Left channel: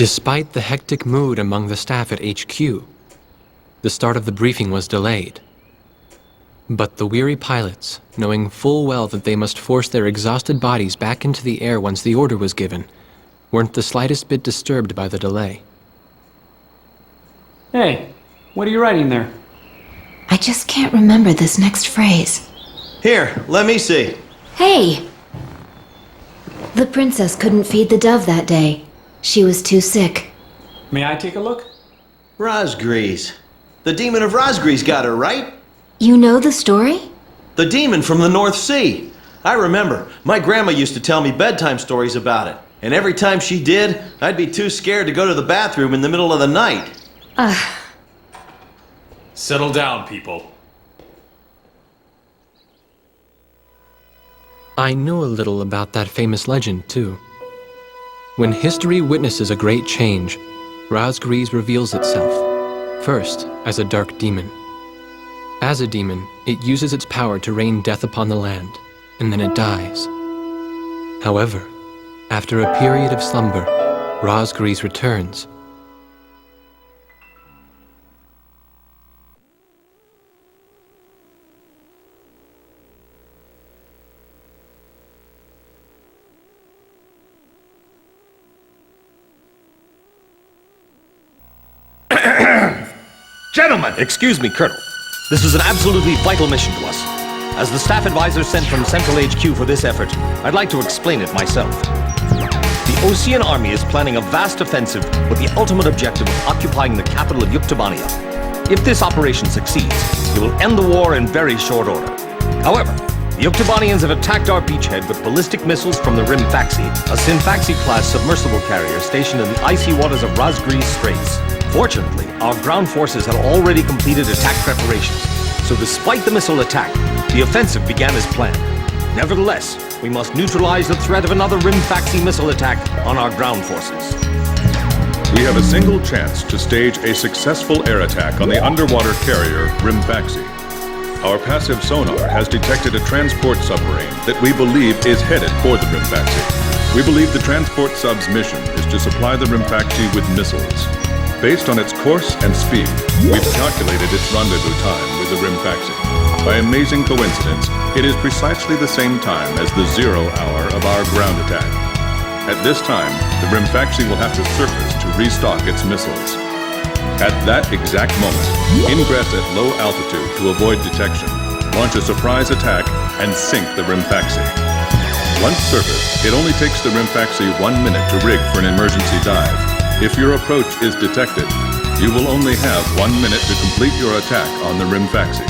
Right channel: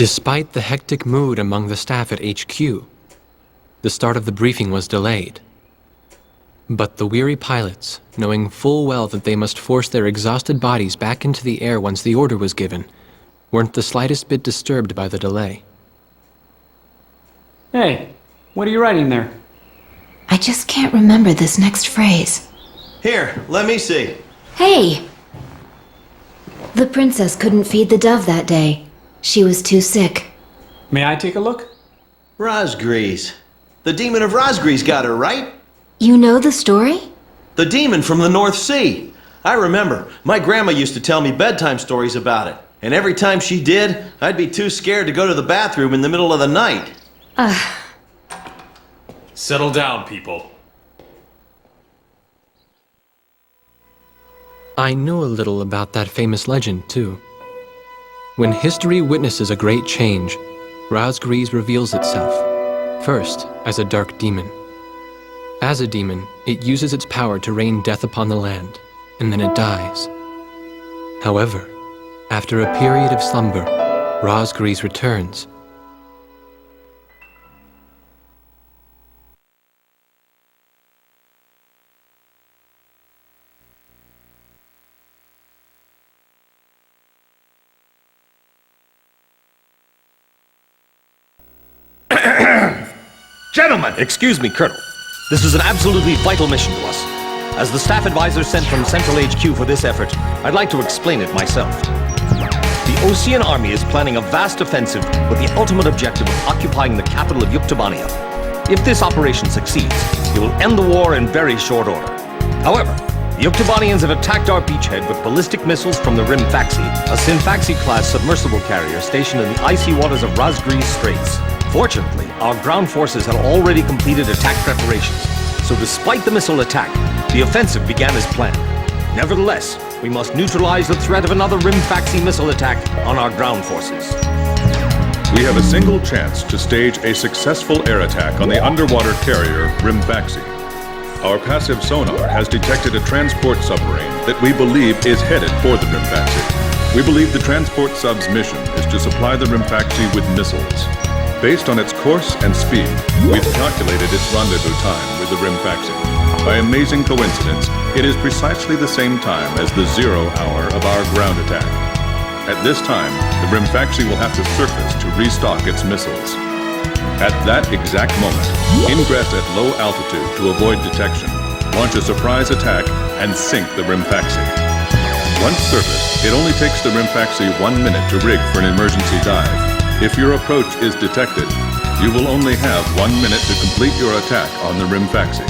Despite the hectic mood among the staff at HQ, the start of the briefing was delayed. But the weary pilots, knowing full well that they must force their exhausted bodies back into the air once the order was given, weren't the slightest bit disturbed by the delay. Hey, what are you writing there? I just can't remember this next phrase. Here, let me see. Hey! The princess couldn't feed the dove that day. She was too sick. May I take a look? Razgriz. The demon of Razgriz got her, right? You know the story? The demon from the North Sea. I remember. My grandma used to tell me bedtime stories about it. And every time she did, I'd be too scared to go to the bathroom in the middle of the night. Settle down, people. I knew a little about that famous legend, too. When history witnesses a great change, Razgriz reveals itself, first as a dark demon. As a demon, it uses its power to rain death upon the land, and then it dies. However, after a period of slumber, Razgriz returns. Gentlemen! Excuse me, Colonel. This is an absolutely vital mission to us. As the staff advisor sent from Central HQ for this effort, I'd like to explain it myself. The Osean Army is planning a vast offensive with the ultimate objective of occupying the capital of Yuktobania. If this operation succeeds, it will end the war in very short order. However, the Yuktobanians have attacked our beachhead with ballistic missiles from the Rimfaxi, a Sinfaxi-class submersible carrier stationed in the icy waters of Razgriz Straits. Fortunately, our ground forces had already completed attack preparations, so despite the missile attack, the offensive began as planned. Nevertheless, we must neutralize the threat of another Rimfaxi missile attack on our ground forces. We have a single chance to stage a successful air attack on the underwater carrier Rimfaxi. Our passive sonar has detected a transport submarine that we believe is headed for the Rimfaxi. We believe the transport sub's mission is to supply the Rimfaxi with missiles. Based on its course and speed, we've calculated its rendezvous time with the Rimfaxi. By amazing coincidence, it is precisely the same time as the 0 hour of our ground attack. At this time, the Rimfaxi will have to surface to restock its missiles. At that exact moment, ingress at low altitude to avoid detection, launch a surprise attack, and sink the Rimfaxi. Once surfaced, it only takes the Rimfaxi 1 minute to rig for an emergency dive. If your approach is detected, you will only have 1 minute to complete your attack on the Rimfaxi.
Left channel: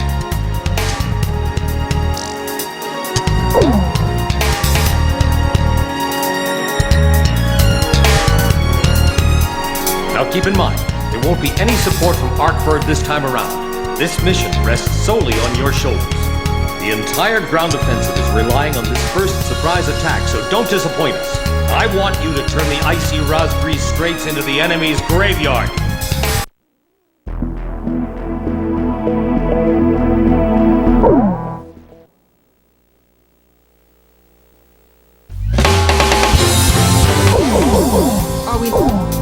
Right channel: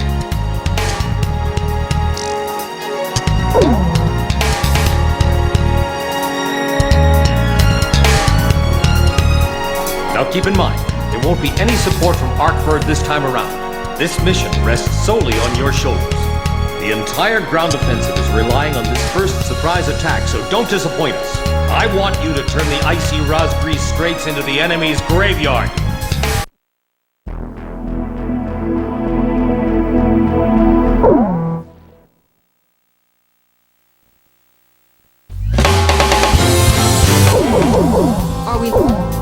Now keep in mind, there won't be any support from Arkford this time around. This mission rests solely on your shoulders. The entire ground offensive is relying on this first surprise attack, so don't disappoint us. I want you to turn the icy Razgriz Straits into the enemy's graveyard. Are we...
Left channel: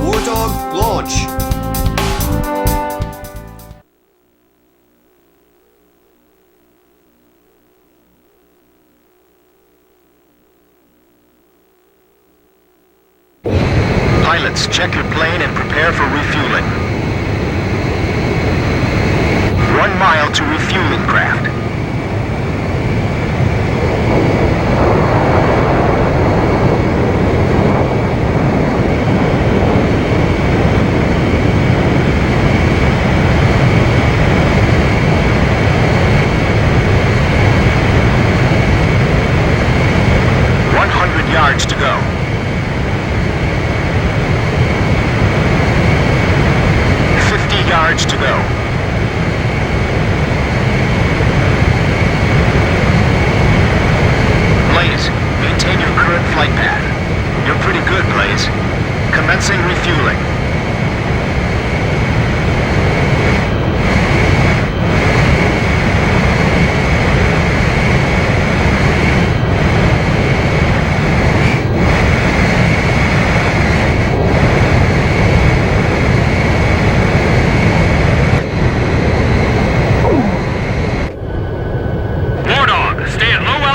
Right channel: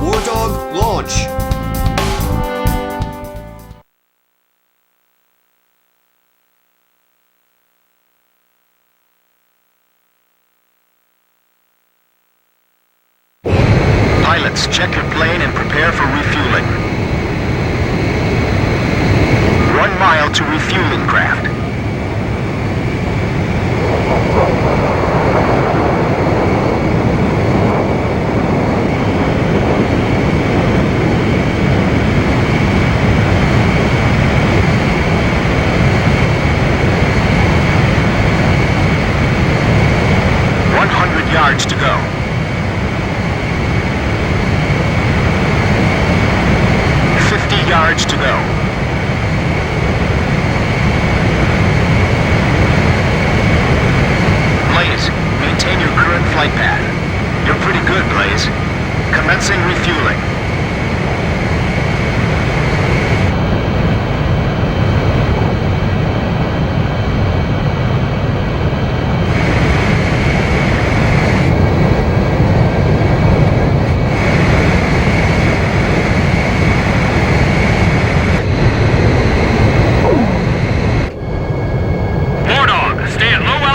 War Dog, launch! Pilots, check your plane and prepare for refueling. 1 mile to refueling craft. Yards to go. 50 yards to go. Blaze, maintain your current flight path. You're pretty good, Blaze. Commencing refueling.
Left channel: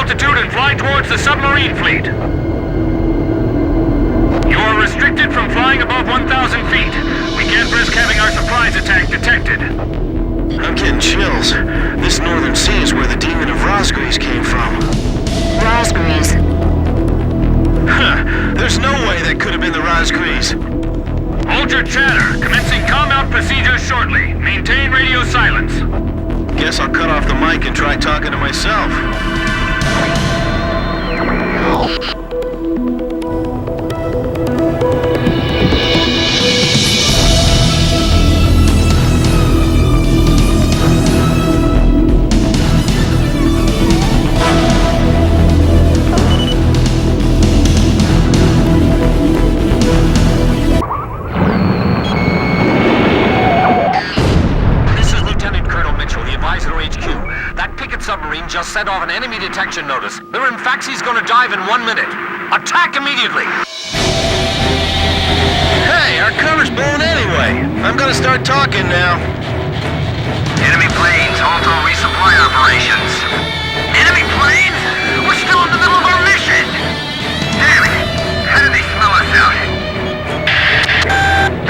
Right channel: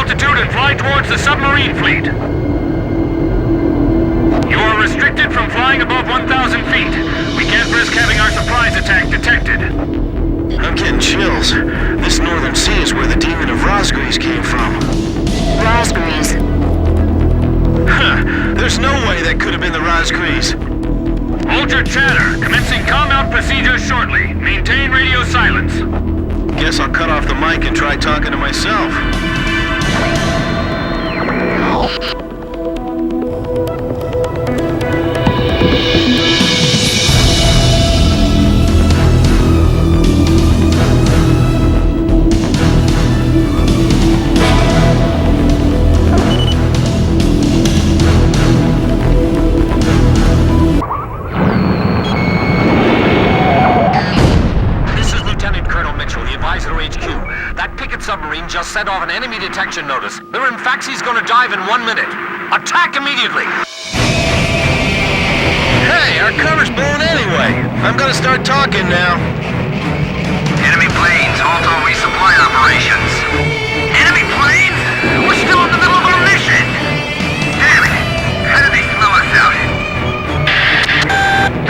altitude and fly towards the submarine fleet. You are restricted from flying above 1,000 feet. We can't risk having our surprise attack detected. I'm getting chills. This northern sea is where the demon of Razgriz came from. Raspberries. Huh. There's no way that could have been the Razgriz. Hold your chatter. Commencing combat procedures shortly. Maintain radio silence. Guess I'll cut off the mic and try talking to myself. Submarine just sent off an enemy detection notice. The Rimfaxi's gonna dive in 1 minute. Attack immediately! Hey, our cover's blown anyway. I'm gonna start talking now. Enemy planes, halt all resupply operations. Enemy planes? We're still in the middle of our mission! Damn it! How did they smell us out?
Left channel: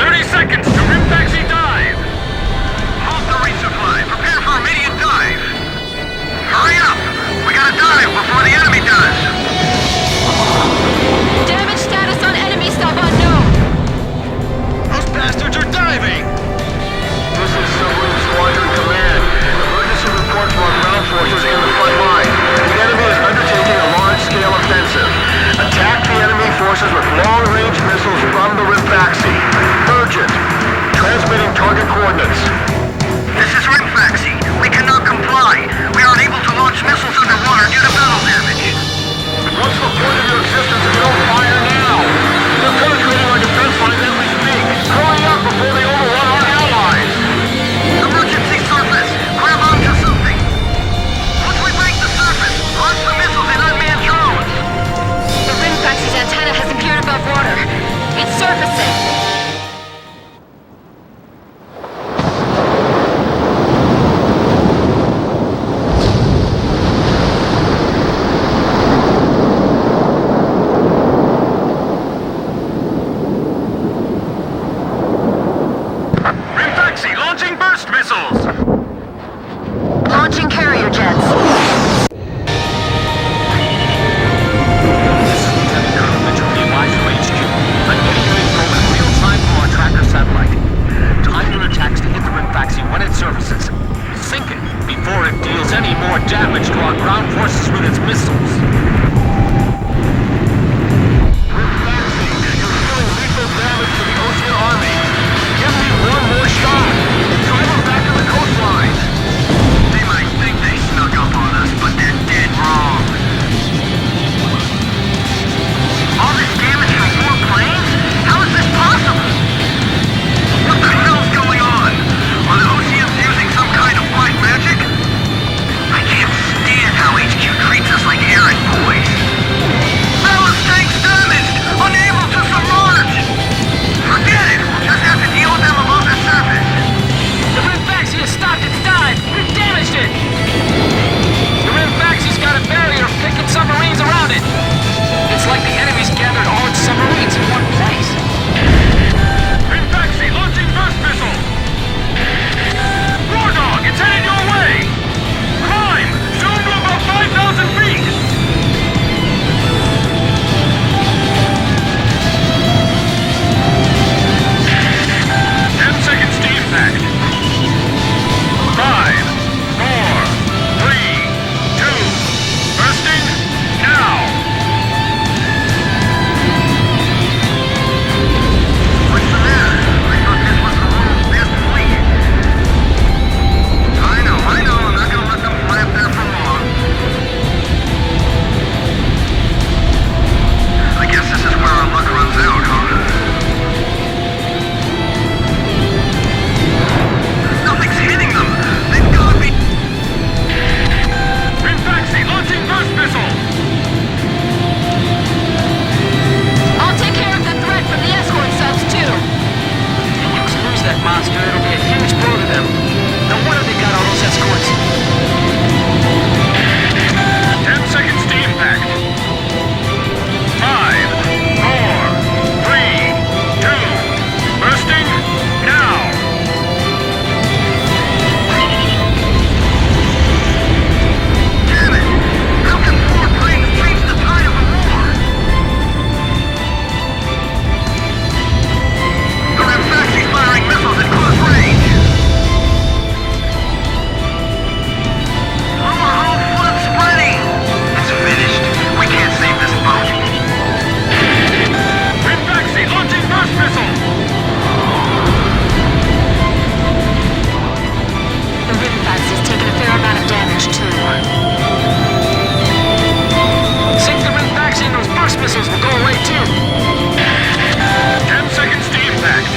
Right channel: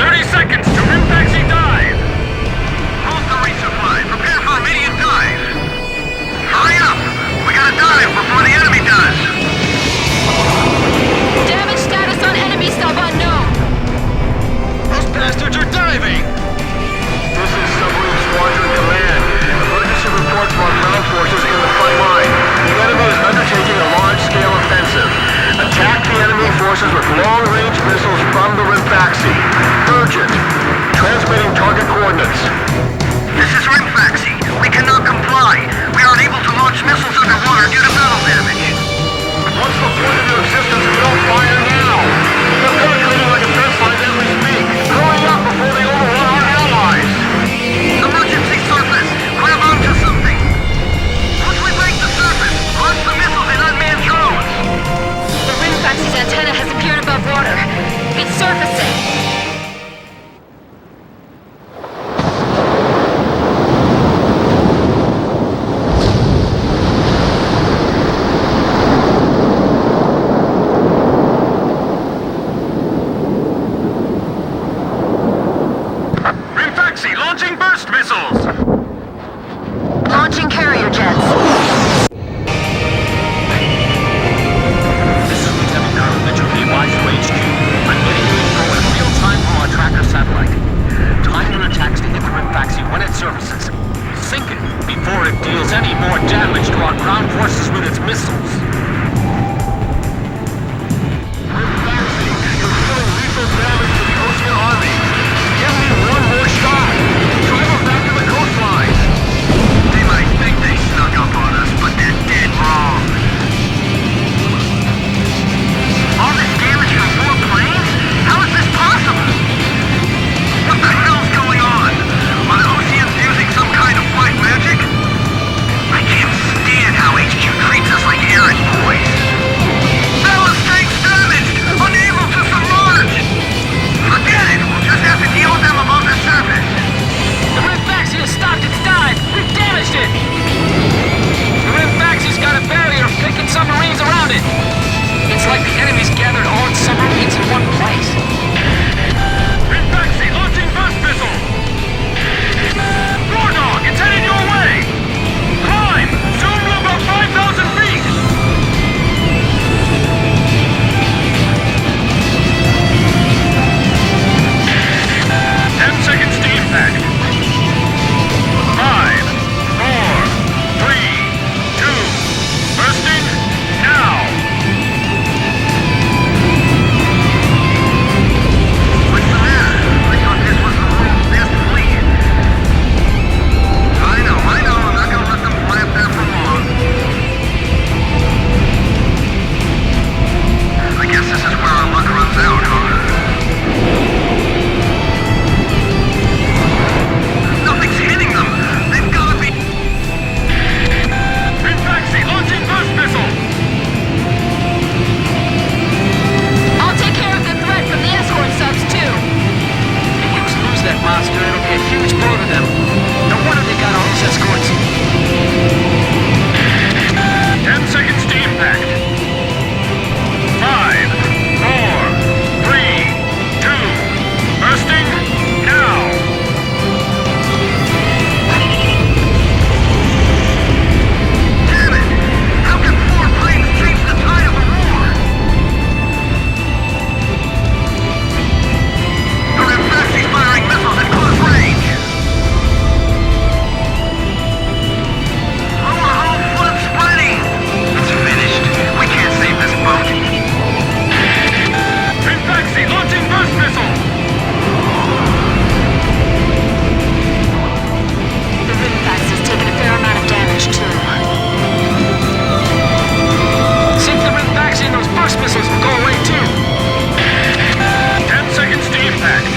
30 seconds to Rimfaxi dive! Halt the resupply. Prepare for immediate dive! Hurry up! We gotta dive before the enemy does! Damage status on enemy sub unknown. Those bastards are diving! This is Submarine Squadron Command. Emergency report from our ground forces in the front line. The enemy is undertaking a large-scale offensive. Attack the enemy forces with long-range missiles from the Rimfaxi. Urgent. Transmitting target coordinates. This is Rimfaxi. We cannot comply. We are unable to launch missiles underwater due to battle damage. What's the point of your existence if you don't fire now? They're penetrating our defense lines as we speak. Hurry up before they overrun our allies! Emergency surface! Grab onto something! Once we break the surface, launch the missiles in unmanned drones! The Rimfaxi's antenna has appeared above water. It's surfacing. Launching burst missiles! Launching carrier jets. This is Lieutenant Colonel Mitchell, the advisor HQ. I'm getting you info in real time from our tracker satellite. Time your attacks to hit the Rimfaxi when it surfaces. Sink it before it deals any more damage to our ground forces with its missiles. Rimfaxi, you're dealing lethal damage to the Ocean Army. Give me one more shot. Drive them back to the coastline. They might think they snuck up on us, but they're dead wrong. All this damage from 4 planes? How is this possible? What the hell's going on? Are the Oceans using some kind of black magic? I can't stand how HQ treats us like errand boys. Ballast tanks damaged! Unable to submerge! Forget it! We'll just have to deal with them above the surface. The Rimfaxi has stopped its dive! We've damaged it! The Rimfaxi's got a barrier of picket submarines around it! It's like the enemy's gathered all its submarines in one place. Rimfaxi launching burst missile! War Dog, it's headed your way! Climb! Zoom to about 5,000 feet! Seconds to impact. 5, 4, 3, 2, bursting now! What's the matter? I thought this was the world's best fleet. I know, I'm not gonna let them fly up there for long. I guess this is where our luck runs out, huh? Hitting them! They've gotta be... Rimfaxi launching burst missile! I'll take care of the threat from the escort subs, too. If the Ukes lose that monster, it'll be a huge blow to them. No wonder they got all those escorts. 10 seconds to impact. 5, 4, 3, 2, bursting now. Damn it! How can 4 planes change the tide of a war? The Rimfaxi's firing missiles at close range. Lower hull flood spreading. It's finished. We can't save this boat. Rimfaxi launching burst missile. The Rimfaxi's taken a fair amount of damage, too. Sink the Rimfaxi and those burst missiles will go away too. 10 seconds to impact.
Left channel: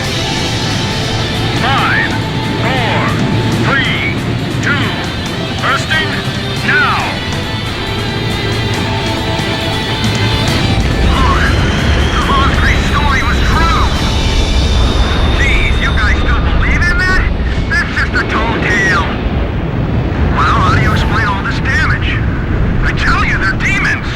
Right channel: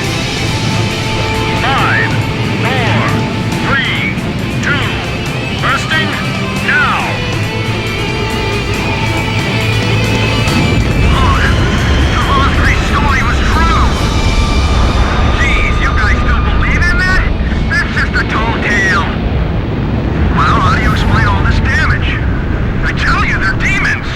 5, 4, 3, 2, bursting now. Look, the Rosgreave story was true. Geez, you guys still believe in that? That's just a tall tale. Well, how do you explain all this damage? I tell you, they're demons.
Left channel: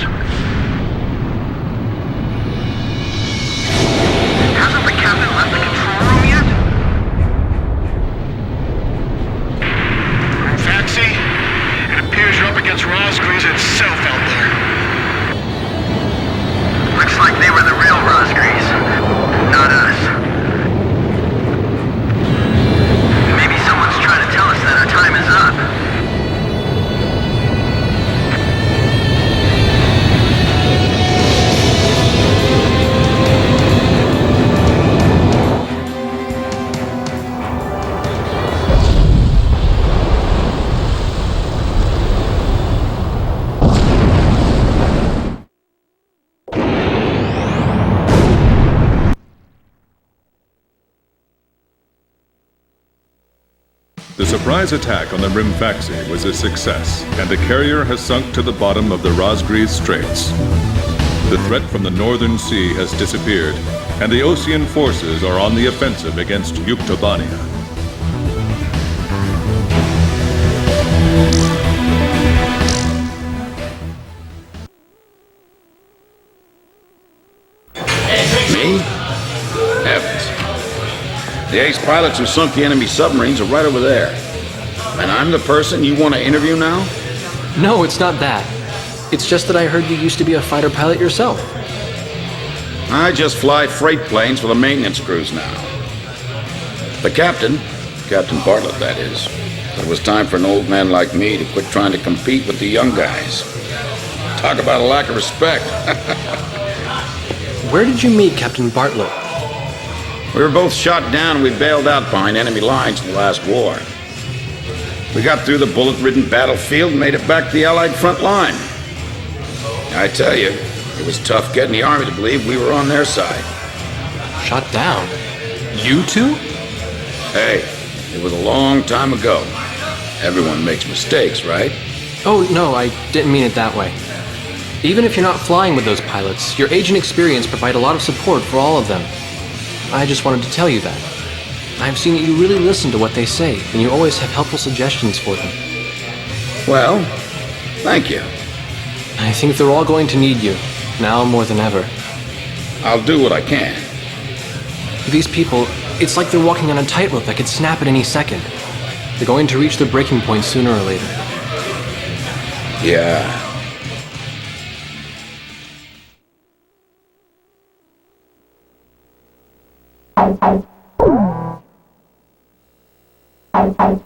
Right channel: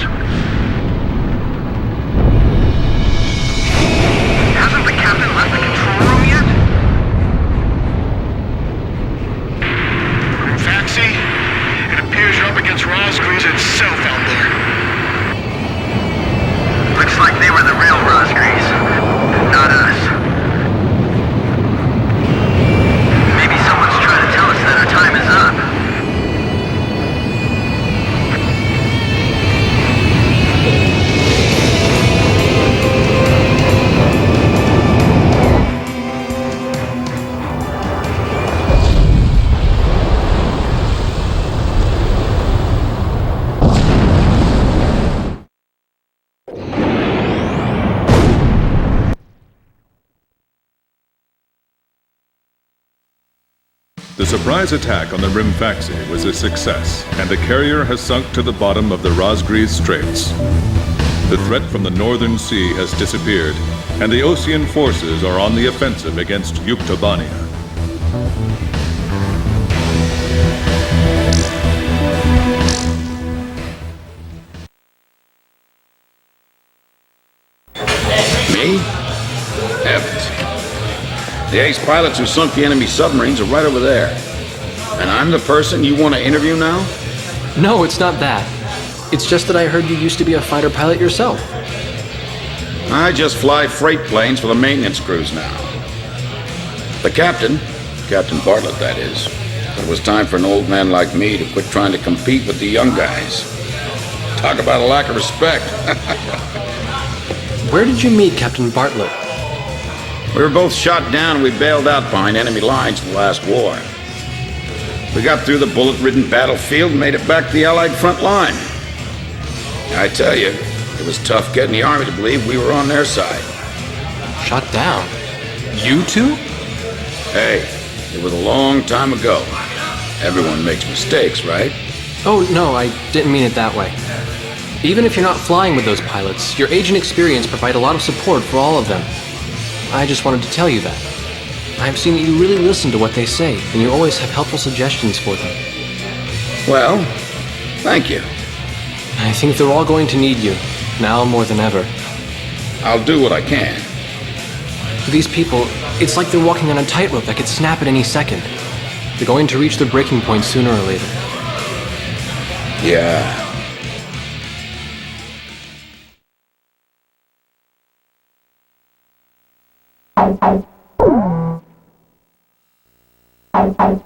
Hasn't the captain left the control room yet? Faxi, it appears you're up against Rosgreaves itself out there. Looks like they were the real Rosgreaves, not us. Maybe someone's trying to tell us that our time is up. The surprise attack on the Rimfaxi was a success, and the carrier has sunk to the bottom of the Rosgreave Straits. The threat from the Northern Sea has disappeared, and the Ocean forces are on the offensive against Yuktobania. Me? Heavens. The ace pilots who sunk the enemy submarines are right over there. And I'm the person you want to interview now? No, it's not that. It's just that I heard you used to be a fighter pilot yourself. I just fly freight planes for the maintenance crews now. The captain, Captain Bartlett that is, said it was time for an old man like me to quit trying to compete with the young guys. Talk about a lack of respect. Where did you meet Captain Bartlett? We were both shot down and we bailed out behind enemy lines in the last war. We got through the bullet-ridden battlefield and made it back to the Allied front line. I tell you, it was tough getting the Army to believe we were on their side. Shot down? You two? Hey, it was a long time ago. Everyone makes mistakes, right? Oh, no, I didn't mean it that way. Even if you're not flying with those pilots, your age and experience provide a lot of support for all of them. I just wanted to tell you that. I've seen that you really listen to what they say, and you always have helpful suggestions for them. Well, thank you. I think they're all going to need you, now more than ever. I'll do what I can. These people, it's like they're walking on a tightrope that could snap at any second. They're going to reach their breaking point sooner or later. Yeah. Bye.